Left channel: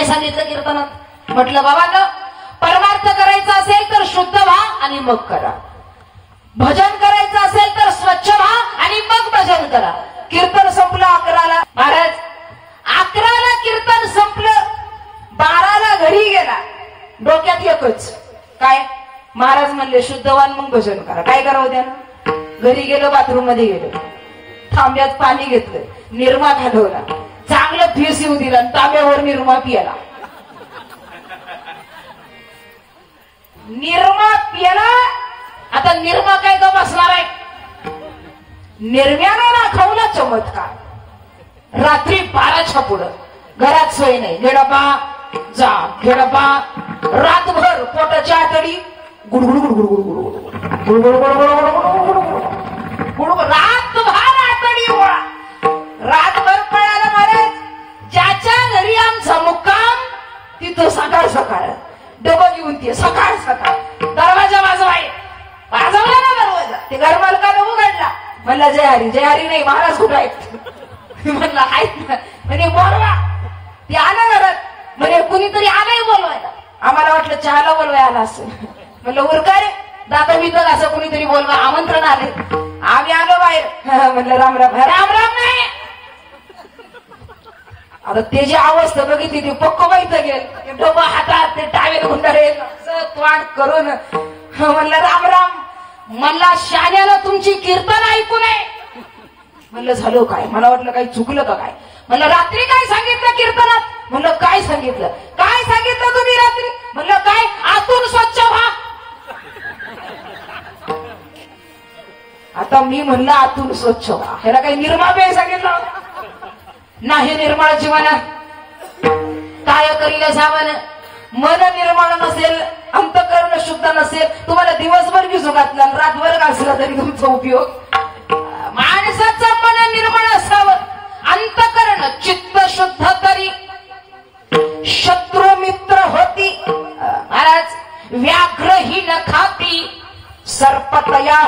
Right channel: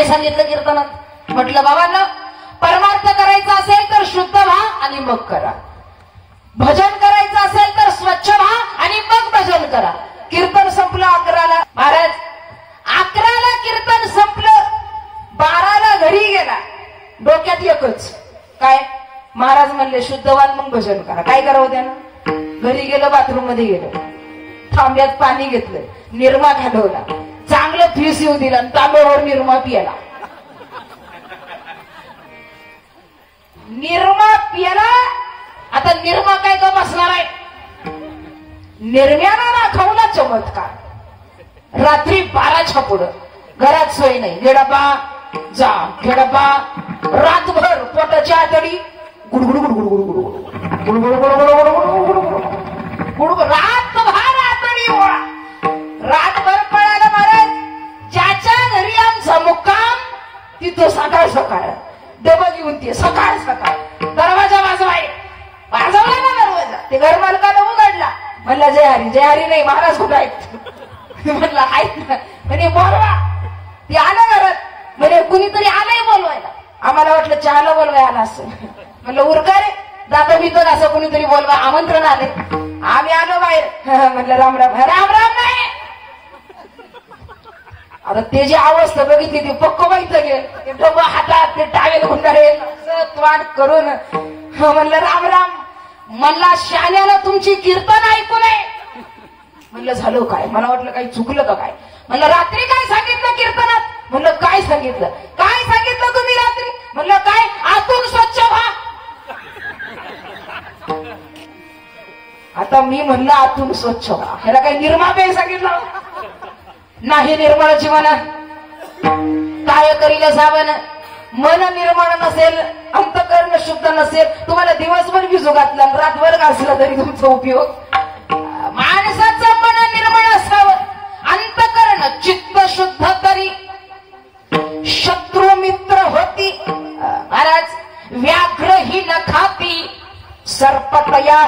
काय सांगितलं कीर्तनात? म्हटलं बाबांना, परमार्थ करायचा असेल तर शुद्ध व्हा आणि मग करा. भजन करायचं असेल तर स्वच्छ व्हा आणि मग भजन करा. कीर्तन संपलं 11ला. महाराज 11ला कीर्तन संपलं, 12ला घरी गेला. डोक्यात एकच काय? महाराज म्हणले शुद्ध व्हा मग भजन करा. काय करावं त्यानं? घरी गेलं, बाथरूम मध्ये गेलं, तांब्यात पाणी घेतलं, निरमा घालवला, चांगलं फीस येऊ दिला, तांब्यावर निरमा पियाला. निरमा पियाला. आता निरमा काय का बसणार आहे? निर्म्याला दाखवला चमत्कार. रात्री 12च्या पुढं घरात सोय नाही. घेडबा जा, घेडबा. रातभर पोटाची आतडी गुडगुड गुडगुड गुडगुड गुडगुड. रातभर आतडी गोळा. रातभर पळाला महाराज. ज्याच्या घरी आमचा मुक्काम तिथं सकाळ सकाळ डबल येऊन ते सकाळ सकाळ दरवाजा वाजवाय. वाजवला ना दरवाजा. ते घर मालकानं उघडला. म्हणलं जय हरी. जय हरी नाही, महाराज कुठं आहेत? म्हणलं आहेत ना. म्हणे बोलवा. ते आलं घरात. म्हणे कुणीतरी आलंय बोलवायला. आम्हाला वाटलं चहाला बोलवाय आला असं. म्हणलं उरका रे, दाता बितर असं कुणीतरी बोलवा, आमंत्रण आले. आम्ही आलो बाहेर. म्हणलं राम राम. राम राम नाही. आता ते जी अवस्था बघितली ती पक्क माहित गेल. ते डबा हातात, ते टावेल गुंडारे वाट करून. म्हणलं राम राम. म्हणला शाण्याला तुमची कीर्तन ऐकू नये. म्हणलं झालं काय? मला वाटलं काही चुकलं का काय. म्हणलं रात्री काय सांगितलं कीर्तनात? म्हणलं काय सांगितलं? काय सांगितलं तुम्ही रात्री? म्हणलं काय? आतून स्वच्छ व्हा. आता मी म्हणलं आतून स्वच्छ व्हा. ह्याला काही निर्मा बे सांगितलं नाही. निर्मळाची म्हणा काय करील साबण. मन निर्मळ नसेल, अंतकरण शुद्ध नसेल, तुम्हाला दिवसभर भिजू घातला, रातभर घासला तरी तुमचा उपयोग. माणसाचं मन निर्मळ असावं, अंतकरण चित्त शुद्ध तरी शत्रू मित्र होती. महाराज व्याघ्र ही न खाती सर्पतया.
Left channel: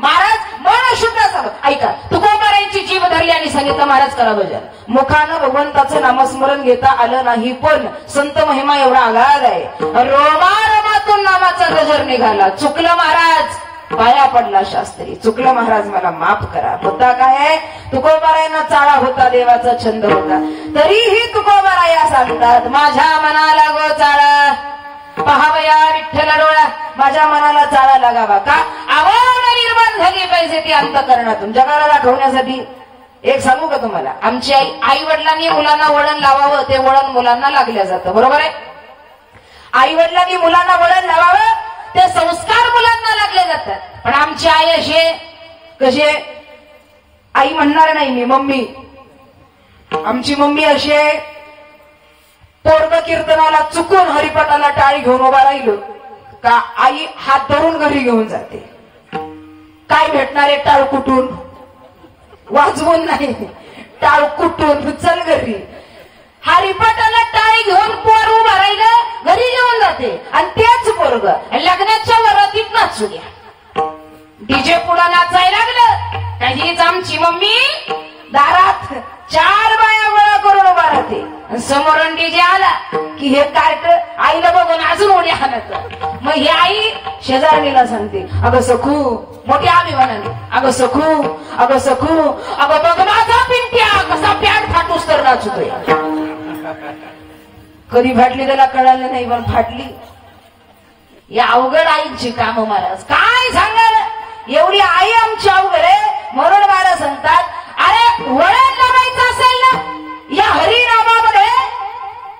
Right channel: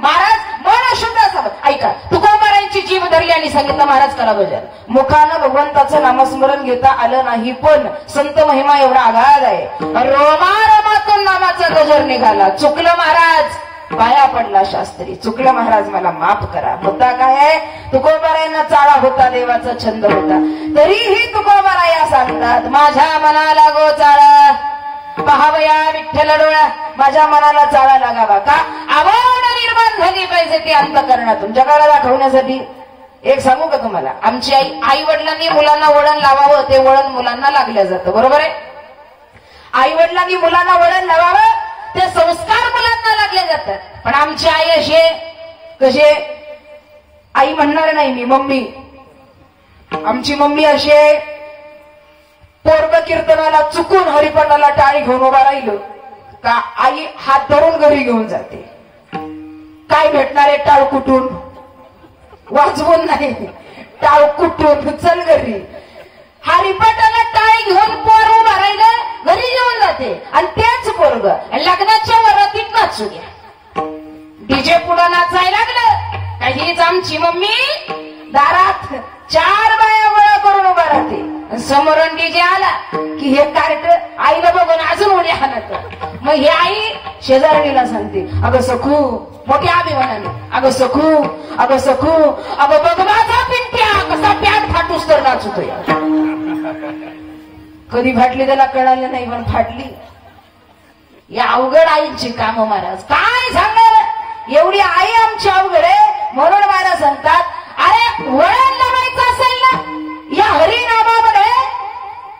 महाराज मन शुद्ध असावं. ऐका, तुकोबारायांची जीभ धरली आणि सांगितलं महाराज करा भजन. मुखानं भगवंताचं नामस्मरण घेता आलं नाही, पण संत महिमा एवढा आगाध आहे. रोमारोमातून नामाचा गजर निघाला. चुकलं महाराज, पाया पडला शास्त्री. चुकलं महाराज, मला माफ करा. होता काय आहे? तुकोबारायांना चाळा होता, देवाचा छंद होता. तरीही तुकोबाराया सांगतात माझ्या मनाला गो चाळा, पहावया विठ्ठल डोळा. माझ्या मनाला चाळा लागावा. का? आवड निर्माण झाली पाहिजे ती अंतकरणातून, जगाला दाखवण्यासाठी. एक सांगू का तुम्हाला? आमची आई वडिलांनी मुलांना वळण लावावं, ते वळण मुलांना लागलं जातं. बरोबर आहे? आई वडिलांनी मुलांना वळण लावावं, ते संस्कार मुलांना लागले जातात. पण आमची आई असे कसे? आई म्हणणार नाही मी, मम्मी. आमची मम्मी अशी आहे, पोरग कीर्तनाला चुकून हरिपाठाला टाळी घेऊन उभा राहिलं का आई हात धरून घरी घेऊन जाते. काय भेटणार आहे? टाळ कुठून? वाजवून नाही, टाळ कुठून. चल घरी. हरिपाठाला टाळी घेऊन पोर उभा राहिलं, घरी घेऊन जाते. आणि तेच पोरग लग्नाच्या वरातीत नाचू द्या, डीजे पुढं नाचायला लागलं. काहीच आमची मम्मी दारात 4 बाया गोळा करून उभा राहते. समोरून डीजे आला की हे कार्ट आईला बघून अजून उड्या हाणत. मग ही आई शेजारणीला सांगते, अगं सखू, मोठ्या अभिमानाने, अगं सखू, अगं सखू, अगं बघ माझा पिंट्या कसा पॅन्ट फाटूस तर नाचतोय. कधी फाटली त्याला कळालं नाही, पण फाटली. या अवघड आईची कामं महाराज काय सांगाल. एवढी आई आमची अवघड आहे. म्हणून महाराज सांगतात, अरे वळण लावायचं असेल ना या हरिनामामध्ये.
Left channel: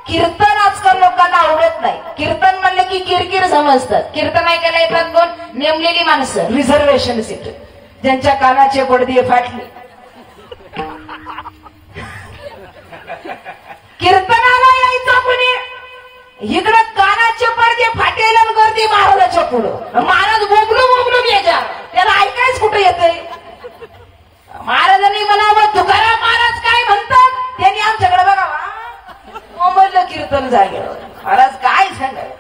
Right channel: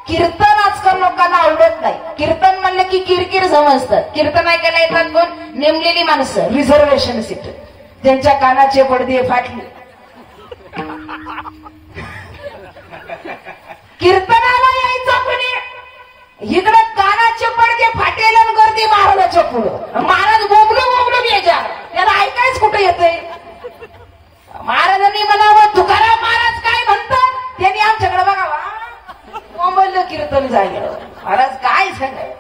कीर्तन आजकाल लोकांना आवडत नाही. कीर्तन म्हणलं की किरकिर समजतात. कीर्तन ऐकायला येतात कोण? नेमलेली माणसं, रिझर्वेशन सीट, ज्यांच्या कानाचे पडदे फाटले. कीर्तनाला यायचं कोणी? इकडं कानाचे पडदे फाटेल आणि गर्दी महाराजाच्या पुढं. महाराज बोबलू बेजार, त्याला ऐकायच कुठं येतंय? महाराजांनी म्हणावं तुकाराम महाराज काय म्हणतात, त्यांनी आमच्याकडे बघावा. कोमल कीर्तन झालं. महाराज काय सांगाल.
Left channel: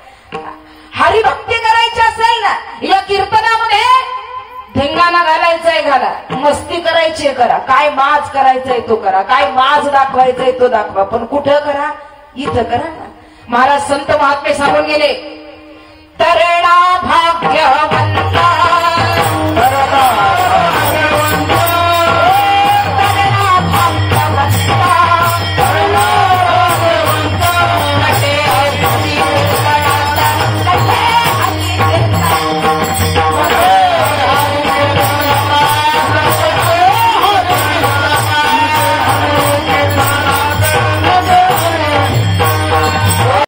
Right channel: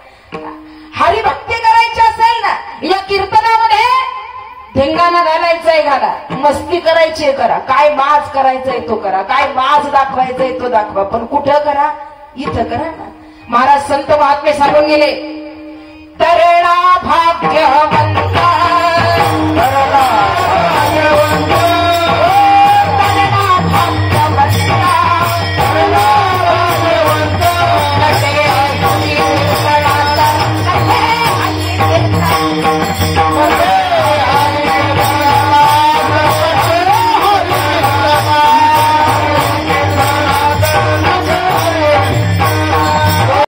हरिभक्ती करायची असेल ना या कीर्तनामध्ये, धिंगाणा घालायचाय घाला, मस्ती करायची करा, काय माज करायचंय तो करा, काय माज दाखवायचंय तो दाखवा, पण कुठं करा? इथं करा ना. महाराज संत महात्मे सांगून गेले, तरणा भाग्यवंता